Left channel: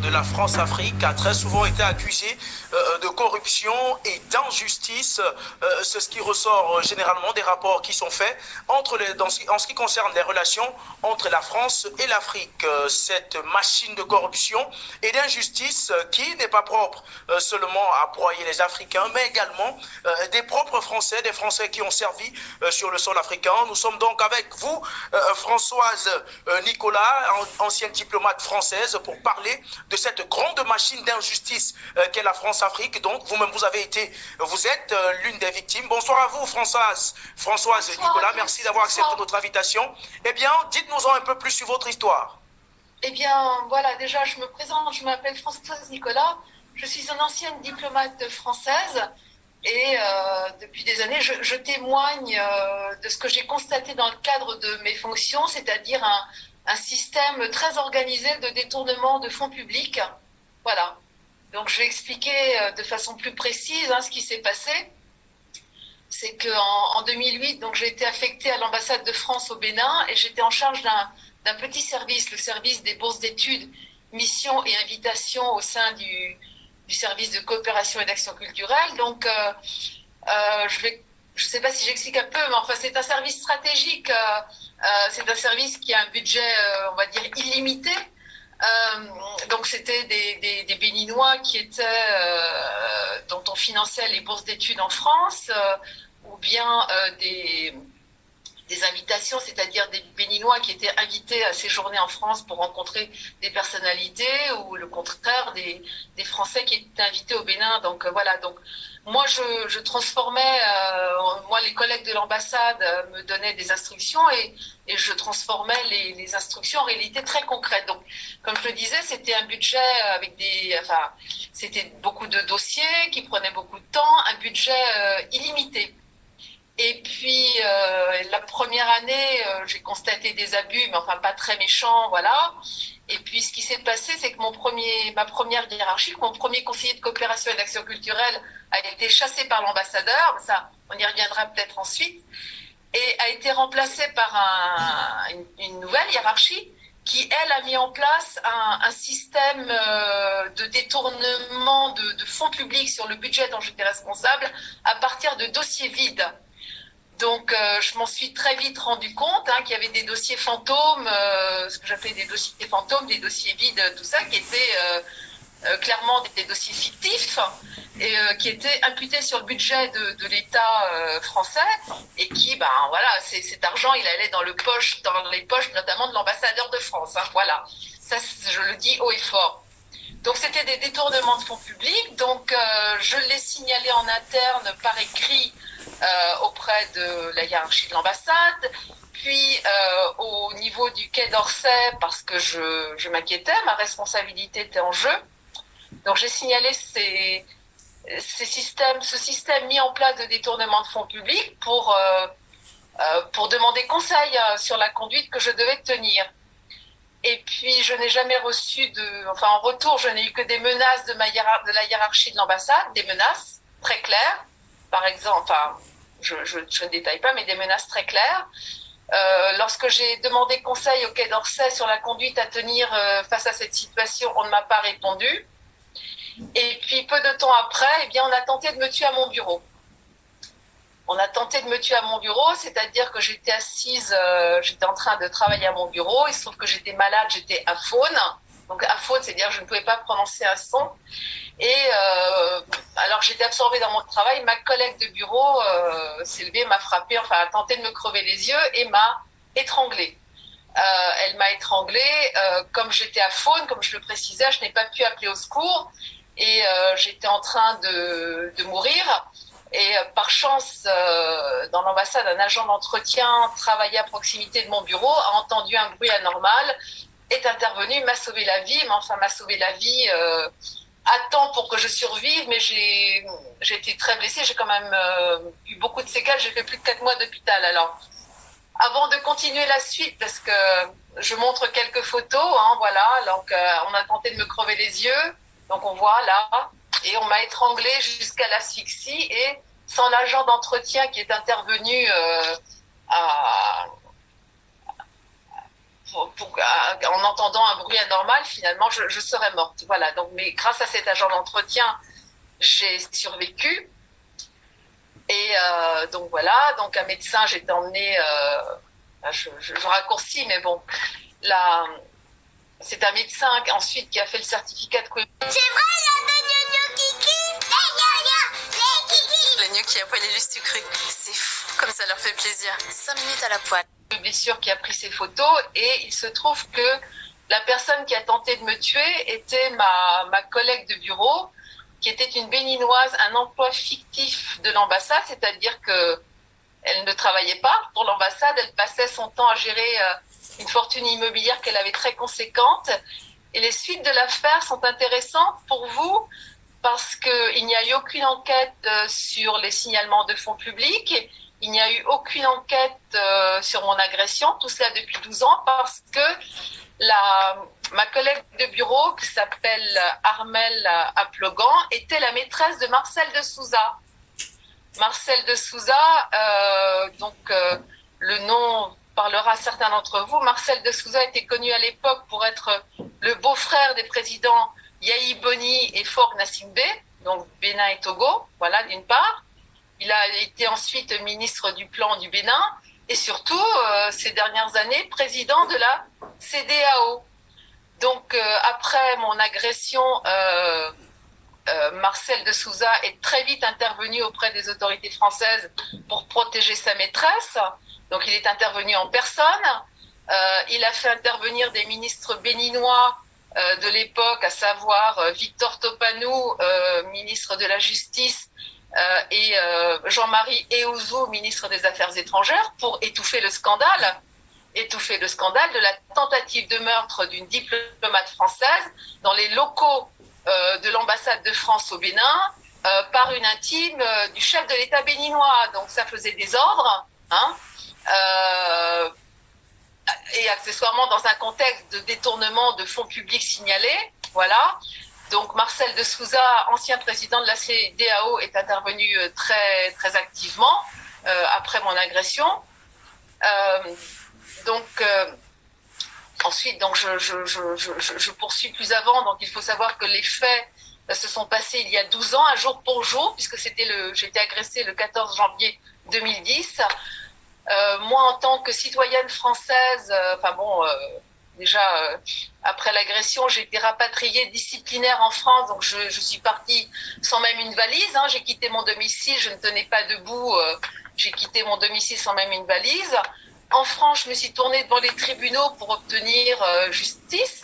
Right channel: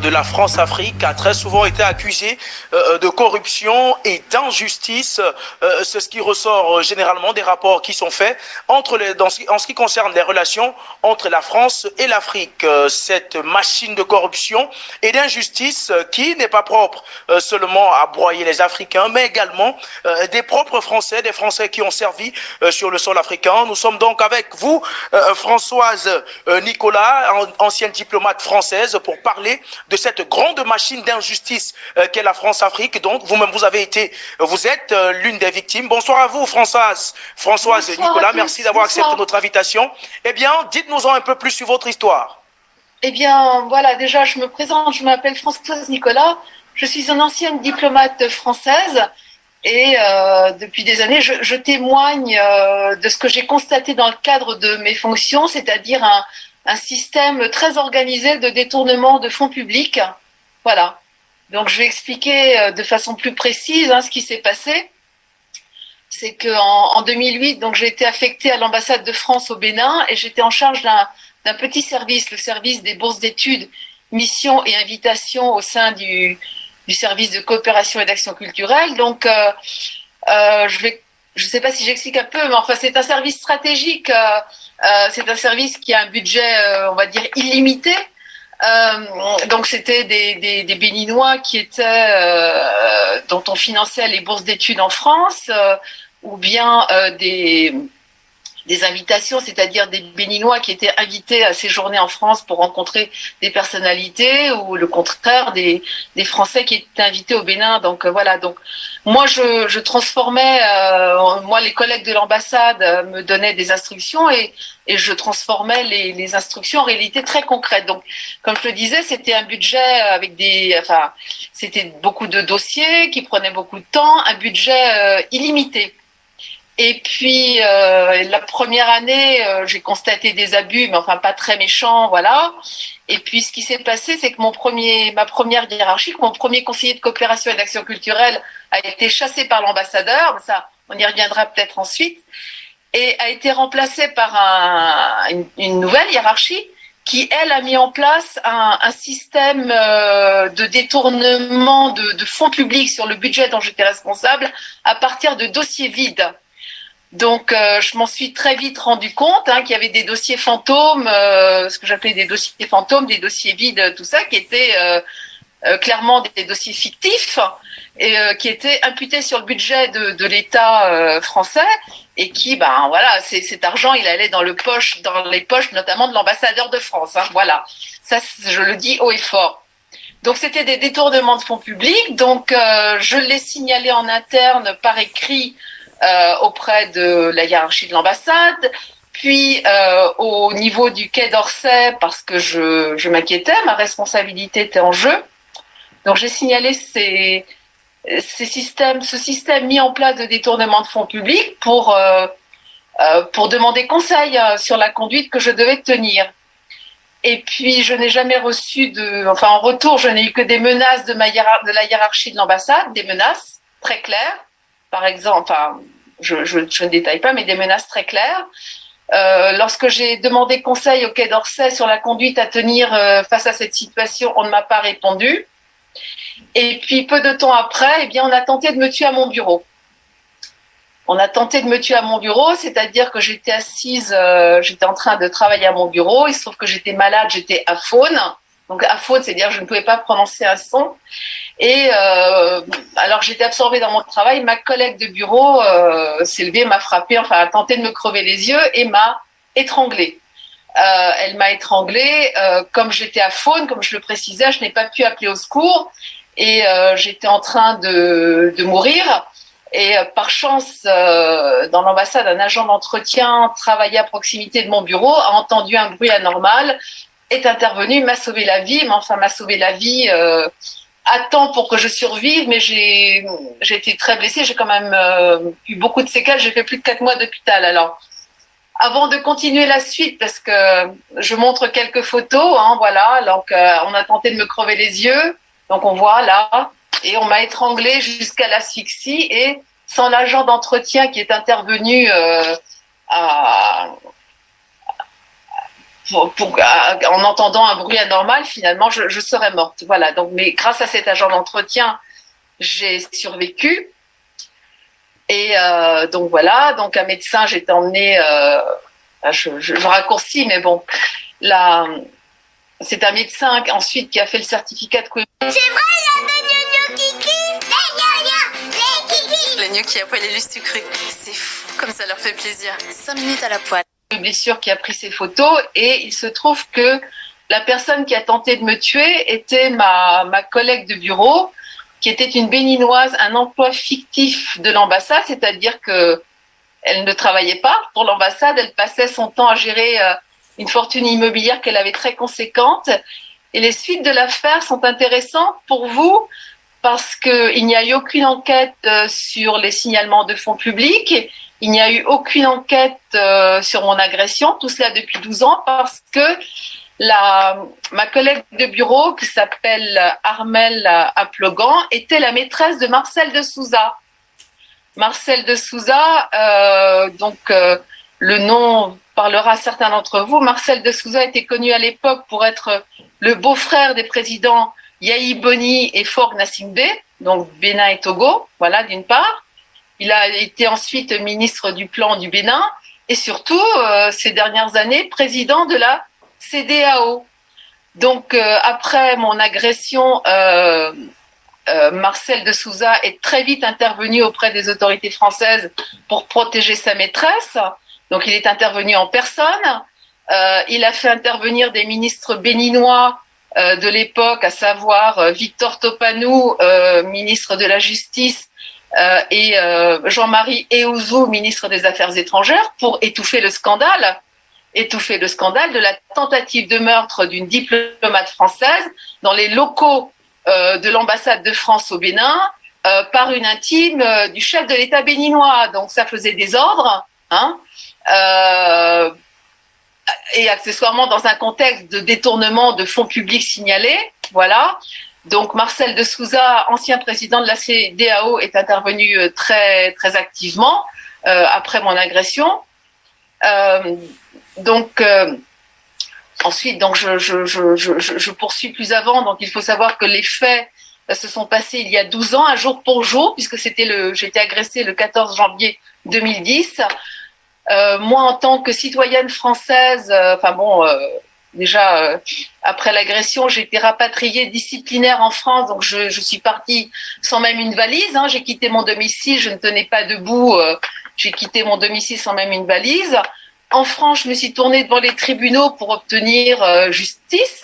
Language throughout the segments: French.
de la France-Afrique a très souvent été accusée de corruption et d'injustice. C'est ce qui ressort généralement des rapports qui sont faits en ce qui concerne les relations entre la France et l'Afrique. Cette machine de corruption et d'injustice qui n'est pas propre seulement à broyer les Africains, mais également des propres Français, des Français qui ont servi sur le sol africain. Nous sommes donc avec vous, Françoise Nicolas, ancienne diplomate française, pour parler de cette grande machine d'injustice qu'est la France-Afrique. Donc, vous-même, vous êtes l'une des victimes. Bonsoir à vous, Françoise Bonsoir à Nicolas. Merci tous, d'avoir accepté bonsoir. notre invitation. Eh bien, dites-nous-en un peu plus sur votre histoire. Eh bien, voilà, déjà, je me présente, je m'appelle Françoise Nicolas, je suis une ancienne diplomate française et depuis des années, je témoigne de ce que j'ai constaté dans le cadre de mes fonctions, c'est-à-dire un système très organisé de détournement de fonds publics. Voilà. Donc, je vais expliquer de façon plus précise ce qui s'est passé. C'est qu'en 2008, donc j'ai été affectée à l'ambassade de France au Bénin et j'étais en charge d'un petit service, le service des bourses d'études, missions et invitations au sein du service de coopération et d'action culturelle. Donc, je sais pas si j'explique un peu, mais enfin, c'est un service stratégique. C'est un service qui a un budget, on va dire, illimité. Donc c'était des Béninois qui étaient dont on finançait les bourses d'études en France, ou bien des invitations, c'est-à-dire des Béninois qui étaient invités à séjourner en France pour rencontrer des personnalités, ou le contraire des Français qui étaient invités au Bénin. Donc voilà. Donc moi je transformais, moi les collègues de l'ambassade me donnaient des instructions et je transformais les instructions en réalité très concrètes. Donc comme je le disais, c'était un budget avec c'était beaucoup de dossiers qui prenaient beaucoup de temps, un budget illimité. Et puis la première année, j'ai constaté des abus, mais enfin pas très méchants, voilà. Et puis ce qui s'est passé, c'est que ma première hiérarchie, mon premier conseiller de coopération et d'action culturelle a été chassé par l'ambassadeur. Ça, on y reviendra peut-être ensuite, et a été remplacé par une nouvelle hiérarchie qui, elle, a mis en place un système de détournement de fonds publics sur le budget dont j'étais responsable à partir de dossiers vides. Donc, je m'en suis très vite rendu compte qu'il y avait des dossiers fantômes, ce que j'appelais des dossiers fantômes, des dossiers vides, tout ça, qui étaient clairement des dossiers fictifs et qui étaient imputés sur le budget de l'État français et qui, ben voilà, cet argent, il allait dans les poches notamment de l'ambassadeur de France. Voilà, ça, je le dis haut et fort. Donc, c'était des détournements de fonds publics. Donc, je l'ai signalé en interne par écrit auprès de la hiérarchie de l'ambassade, puis au niveau du Quai d'Orsay, parce que je m'inquiétais, ma responsabilité était en jeu. Donc j'ai signalé ce système mis en place de détournement de fonds publics pour demander conseil sur la conduite que je devais tenir. Et puis je n'ai jamais reçu en retour, je n'ai eu que des menaces de la hiérarchie de l'ambassade, des menaces très claires. Par exemple, je ne détaille pas, mais des menaces très claires. Lorsque j'ai demandé conseil au Quai d'Orsay sur la conduite à tenir face à cette situation, on ne m'a pas répondu. Et puis peu de temps après, eh bien, on a tenté de me tuer à mon bureau. C'est-à-dire que j'étais assise, j'étais en train de travailler à mon bureau. Il se trouve que j'étais malade, j'étais aphone. Donc aphone, c'est-à-dire que je ne pouvais pas prononcer un son. Et alors j'étais absorbée dans mon travail. Ma collègue de bureau s'est levée, m'a frappée, a tenté de me crever les yeux et m'a étranglée. Elle m'a étranglée. Comme j'étais aphone, comme je le précisais, je n'ai pas pu appeler au secours et j'étais en train de mourir. Et par chance, dans l'ambassade, un agent d'entretien travaillait à proximité de mon bureau, a entendu un bruit anormal, est intervenu, m'a sauvé la vie, m'a sauvé la vie à temps pour que je survive, mais j'ai été très blessée, j'ai quand même eu beaucoup de séquelles, j'ai fait plus de 4 mois d'hôpital. Alors, avant de continuer la suite, parce que je montre quelques photos, voilà, donc on a tenté de me crever les yeux, donc on voit là, et on m'a étranglée jusqu'à l'asphyxie, et sans l'agent d'entretien qui est intervenu en entendant un bruit anormal, finalement, je serais morte. Voilà. Donc, mais grâce à cet agent d'entretien, j'ai survécu. Et donc voilà. Donc un médecin, j'étais emmenée. Je raccourcis, mais bon, là, c'est un médecin ensuite qui a fait le certificat de cohérence. C'est vrai, il y a des gnous kiki, les kiki. Les gnous qui a poilé juste du cru. C'est fou, comme ça leur fait plaisir. 5 minutes à la poêle. Une blessure qui a pris ses photos et il se trouve que la personne qui a tenté de me tuer était ma collègue de bureau, qui était une béninoise, un emploi fictif de l'ambassade, c'est-à-dire que elle ne travaillait pas pour l'ambassade, elle passait son temps à gérer une fortune immobilière qu'elle avait très conséquente. Et les suites de l'affaire sont intéressantes pour vous parce qu'il n'y a eu aucune enquête sur les signalements de fonds publics, il n'y a eu aucune enquête sur mon agression, tout cela depuis 12 ans parce que ma collègue de bureau, qui s'appelle Armelle Aplogan, était la maîtresse de Marcel de Souza. Marcel de Souza, le nom parlera à certains d'entre vous. Marcel de Souza était connu à l'époque pour être le beau-frère des présidents Yahi Boni et Faure Gnassingbé, donc Bénin et Togo, voilà, d'une part. Il a été ensuite ministre du Plan du Bénin et surtout, ces dernières années, président de la CEDEAO. Donc, après mon agression, Marcel de Souza est très vite intervenu auprès des autorités françaises pour protéger sa maîtresse. Donc, il est intervenu en personne. Il a fait intervenir des ministres béninois de l'époque, à savoir Victor Topanou, ministre de la Justice, et Jean-Marie Eouzou, ministre des Affaires étrangères, pour étouffer le scandale de la tentative de meurtre d'une diplomate française dans les locaux de l'ambassade de France au Bénin par une intime du chef de l'État béninois. Donc ça faisait désordre, et accessoirement dans un contexte de détournement de fonds publics signalés. Voilà. Donc Marcel de Souza, ancien président de la CEDEAO, est intervenu très très activement après mon agression. Ensuite, donc je poursuis plus avant. Donc, il faut savoir que les faits se sont passés il y a 12 ans, un jour pour jour, puisque j'ai été agressée le 14 janvier 2010. Moi, en tant que citoyenne française, après l'agression, j'ai été rapatriée disciplinaire en France. Donc, je suis partie sans même une valise. J'ai quitté mon domicile, je ne tenais pas debout. J'ai quitté mon domicile sans même une valise. En France, je me suis tournée devant les tribunaux pour obtenir justice,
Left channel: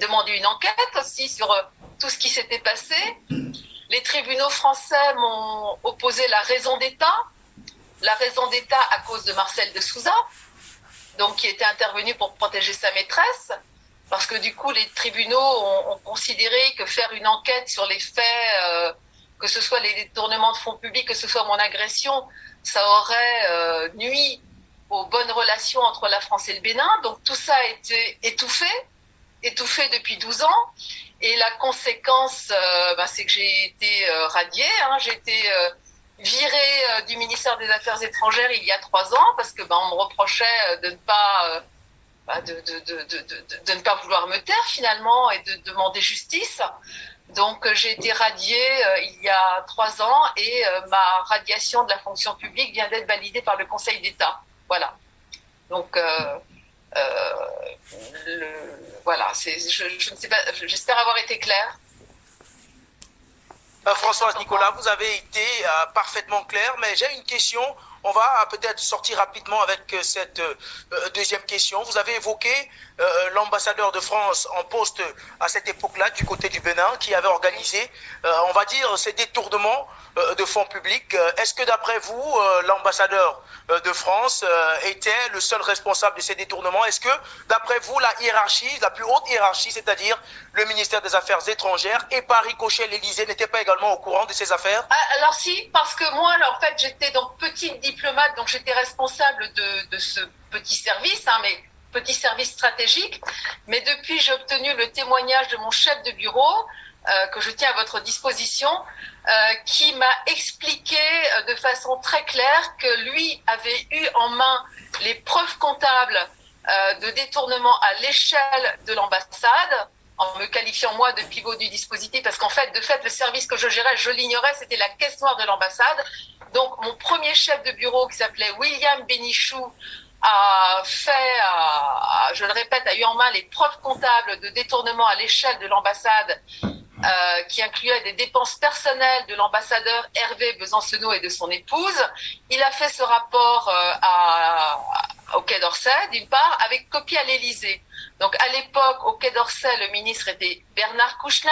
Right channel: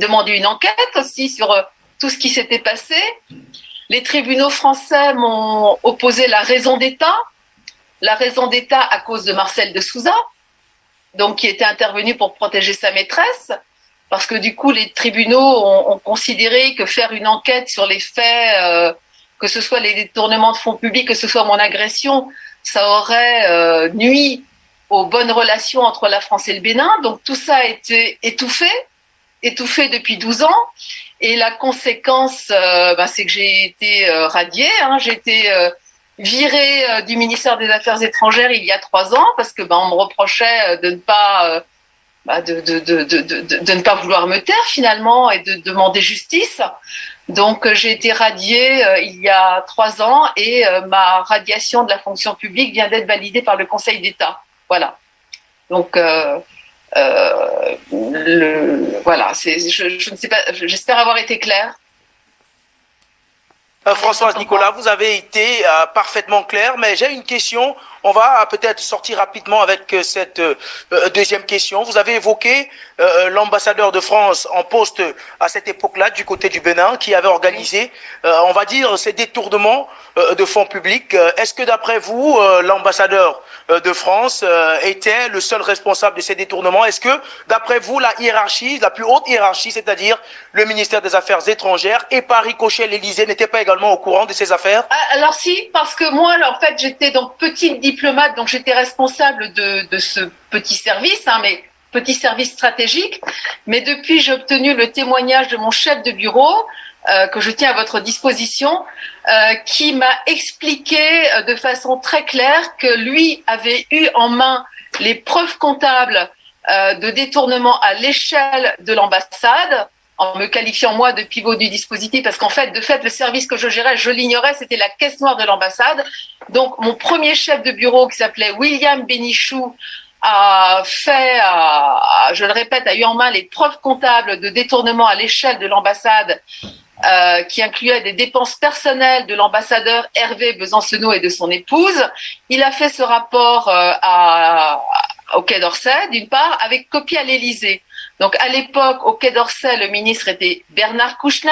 demander une enquête aussi sur tout ce qui s'était passé. Les tribunaux français m'ont opposé la raison d'État à cause de Marcel de Souza, donc qui était intervenu pour protéger sa maîtresse, parce que du coup, les tribunaux ont considéré que faire une enquête sur les faits, que ce soit les détournements de fonds publics, que ce soit mon agression, ça aurait nui aux bonnes relations entre la France et le Bénin. Donc tout ça a été étouffé depuis 12 ans. Et la conséquence, c'est que j'ai été radiée. J'ai été virée du ministère des Affaires étrangères il y a 3 ans parce que on me reprochait de ne pas de ne pas vouloir me taire finalement et de demander justice. Donc j'ai été radiée il y a 3 ans et ma radiation de la fonction publique vient d'être validée par le Conseil d'État. Voilà. Donc, voilà. Je ne sais pas. J'espère avoir été claire. Françoise Nicolas, vous avez été parfaitement claire, mais j'ai une question. On va peut-être sortir rapidement avec cette deuxième question. Vous avez évoqué l'ambassadeur de France en poste à cette époque-là du côté du Bénin qui avait organisé, on va dire, ces détournements de fonds publics. Est-ce que d'après vous, l'ambassadeur de France était le seul responsable de ces détournements? Est-ce que d'après vous, la hiérarchie, la plus haute hiérarchie, c'est-à-dire le ministère des Affaires étrangères et par ricochet l'Élysée n'était pas également au courant de ces affaires? Alors si, parce que moi, en fait, j'étais donc petite diplomate, donc j'étais responsable de ce petit service, mais petit service stratégique. Mais depuis, j'ai obtenu le témoignage de mon chef de bureau, que je tiens à votre disposition, qui m'a expliqué de façon très claire que lui avait eu en main les preuves comptables de détournement à l'échelle de l'ambassade, en me qualifiant moi de pivot du dispositif, parce qu'en fait, le service que je gérais, je l'ignorais, c'était la caisse noire de l'ambassade. Donc, mon premier chef de bureau, qui s'appelait William Bénichou, je le répète, a eu en main les preuves comptables de détournement à l'échelle de l'ambassade, qui incluait des dépenses personnelles de l'ambassadeur Hervé Besancenot et de son épouse. Il a fait ce rapport au Quai d'Orsay, d'une part, avec copie à l'Élysée. Donc, à l'époque, au Quai d'Orsay, le ministre était Bernard Kouchner.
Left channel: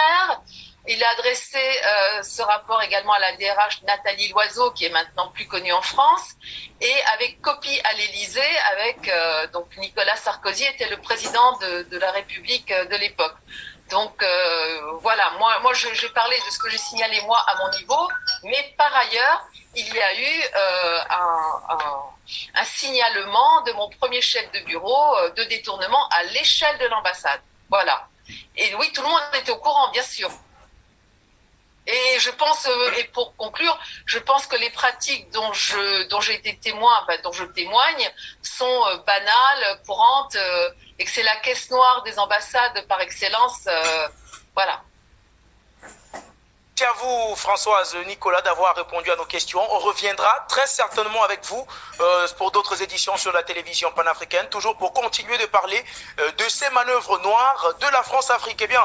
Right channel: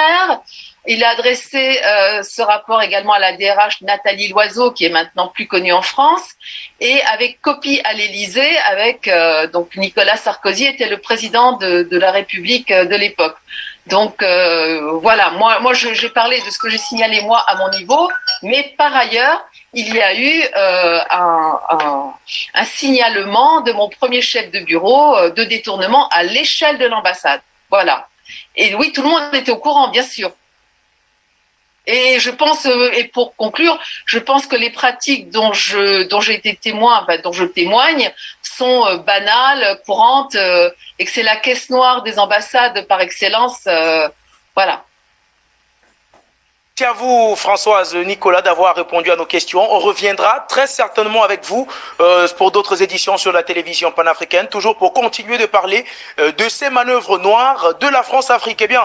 Il a adressé ce rapport également à la DRH Nathalie Loiseau, qui est maintenant plus connue en France, et avec copie à l'Élysée, avec donc Nicolas Sarkozy était le président de la République de l'époque. Donc voilà, moi j'ai parlé de ce que j'ai signalé moi à mon niveau, mais par ailleurs, il y a eu un signalement de mon premier chef de bureau de détournement à l'échelle de l'ambassade. Voilà. Et oui, tout le monde était au courant, bien sûr. Et je pense, et pour conclure, je pense que les pratiques dont j'ai été témoin, dont je témoigne, sont banales, courantes, et que c'est la caisse noire des ambassades par excellence. Voilà. Merci à vous, Françoise, Nicolas, d'avoir répondu à nos questions. On reviendra très certainement avec vous pour d'autres éditions sur la télévision panafricaine, toujours pour continuer de parler de ces manœuvres noires de la France-Afrique. Eh bien,